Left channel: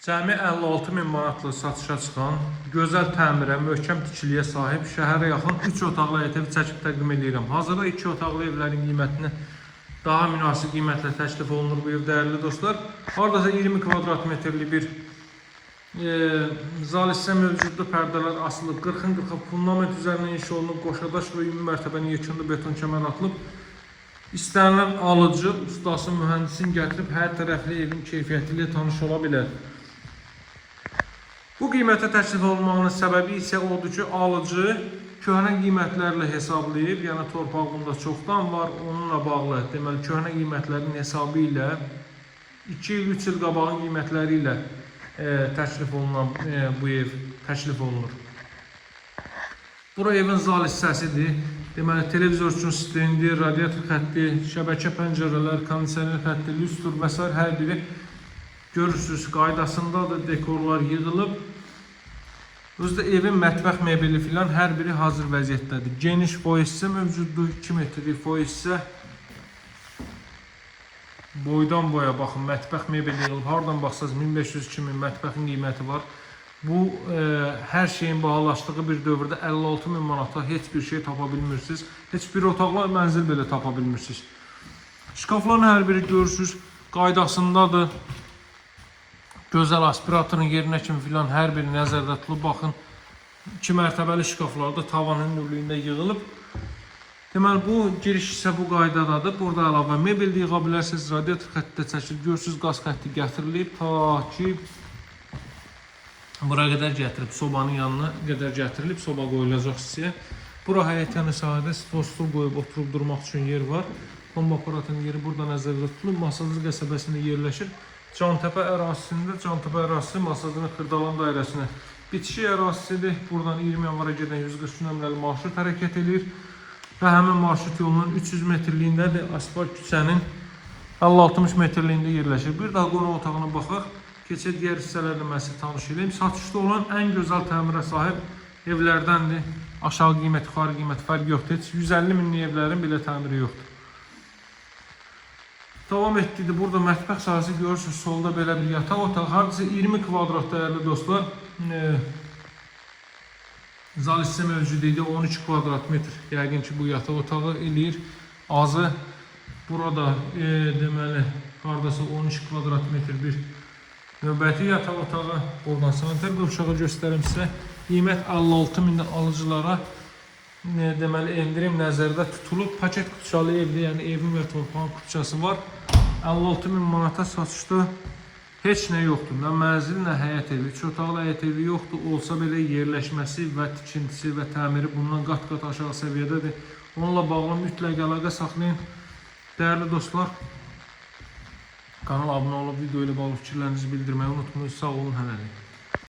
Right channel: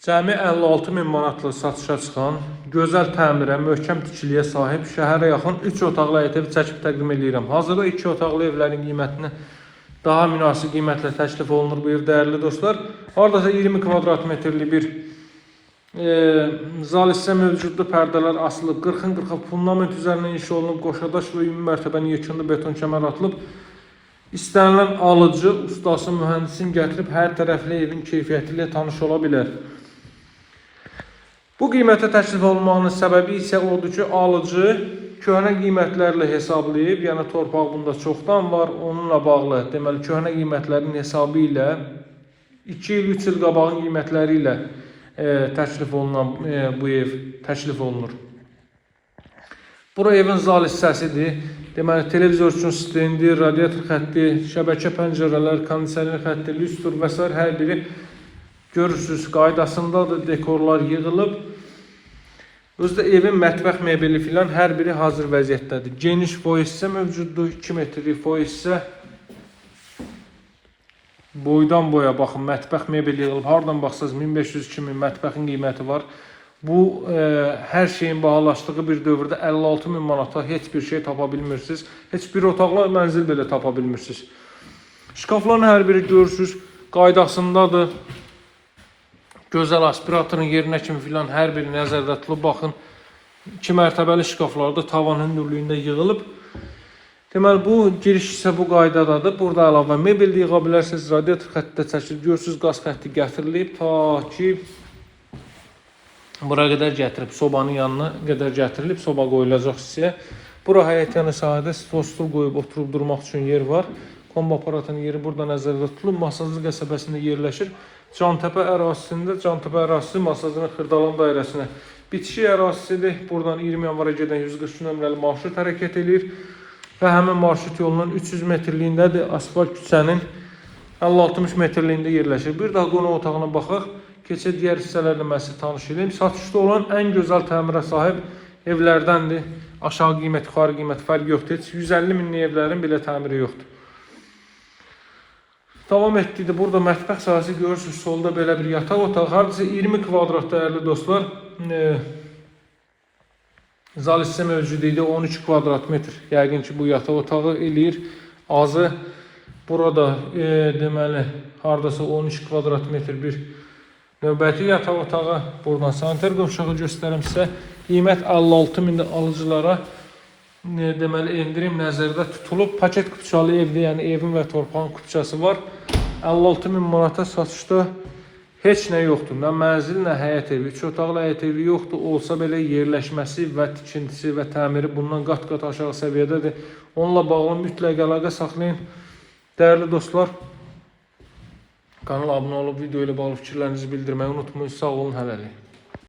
Cəmi 56.000 manatla satışa çıxan, gözəl təmirə, möhkəm tikiliyə sahib, şəhərə yaxın 3 otaqlı ev çəkib təqdim edirəm. Hazırda 2 otaqlı evlərin qiymətini daha münasib qiymətlə təklif olunur bu ev, dəyərli dostlar. Hardasa 20 kvadrat metrli bir zal hissə mövcuddur, pərdələr asılıb, 40-40 fundament üzərindən inşa olunub, qoşadaş və ümumi mərtəbənin yekunda beton kəmər atılıb. İstənilən alıcı, ustası, mühəndisin gətirib hər tərəfli evin keyfiyyəti ilə tanış ola bilər. Bu qiymətə təklif olunmağının səbəbi isə odur ki, alıcı köhnə qiymətlərlə hesablayıb, yəni torpaq bunda çoxdan var, onunla bağlı, deməli, köhnə qiymətlərin hesabı ilə 2 il, 3 il qabağın qiymətləri ilə təklif olunan bu ev təklif olunur. Bura evin zal hissəsidir. Deməli, televizor üçün stendi, radiator xətti, şəbəkə pəncərələr, kondisioner xətti, lüstr və s. hər biri görürsünüz, qaydasındadır, dekorlar yığılıb. Özdə evin mətbəx mebeli filan hər biri hazır vəziyyətdədir. Geniş boy hissə mövcuddur, 2 metrlik boy hissə. Boydan boya baxın, mətbəx mebeli yığılıb. Hardan baxsınız 1500-2000 mətbəxin qiyməti var. Bu, hər şeyin bahalaşdığı bir dövrdə 56.000 manata heç bir şey tapa bilmirsiniz. Heç bir otaqlı mənzil belə tapa bilmirsiniz. Şkafların hər biri görürsünüz, qaydasındadır. Gözəl aspiratorun yerinə kimi filan hər biri nəzərdə tutulub. Baxın, 2 mərtəbəli şkaflarda tavan hündürlüyündə yığılıb. Deməli, bu giriş isə bu qaydadadır. Burada əlavə mebel də yığa bilərsiniz. Radiator xətti də çəkilir. Görürsünüz, qaz xətti gətirilib. Ta ki, bura qədər gətirib, sobanın yanına qədər gətirilib. Soba qoyulacaq hissəyə. Bura həyətyanı sahədə stol qoyub oturub durmaq üçün yer var. Kombi aparatının yeri burada nəzərdə tutulub. Masajlı qəsəbəsində yerləşir. Cantəpə ərazisində, Cantəpə ərazisi masajının Xırdalan dairəsinə bitişik ərazisidir. Buradan 20 yanvara gedən 143 nömrəli marşrut hərəkət edir. Və həmin marşrut yolunun 300 metrliyindədir. Asfalt küçənin 50-60 metrliyində yerləşir. Bir daha qonaq otağına baxaq. Keçə digər hissələrlə mən sizi tanış edeyim. Satışda olan ən gözəl təmirə sahib evlərdəndir. Aşağı qiymət, yuxarı qiymət fərqi yoxdur. Heç 150 minlik evlərin belə təmiri yoxdur. Davam etdikdə burada mətbəx sahəsi görürsünüz, solda belə bir yataq otağı, hardasa 20 kvadrat dəyərli dostlar. Zal hissə mövcud idi, 13 kvadrat metr. Yəqin ki, bu yataq otağı eləyir. Azı burada deməli, hardasa 13 kvadrat metr bir növbəti yataq otağı. Buradan sanitar qovşağı göstərim sizə. Qiymət 56.000 alıcılara deməli, endirim nəzərdə tutulub. Paket kutusalı evdə, yəni evin və torpağın kutusası var. 56.000 manata satışda heç nə yoxdur. Nə mənzil, nə həyət evi. 3 otaqlı həyət evi yoxdur. Olsa belə yerləşməsi və tikintisi və təmiri bundan qat-qat aşağı səviyyədədir. Onunla bağlı mütləq əlaqə saxlayın. Dəyərli dostlar, kanala abunə olub, video ilə bağlı fikirlərinizi bildirməyi unutmayın. Sağ olun, hələlik.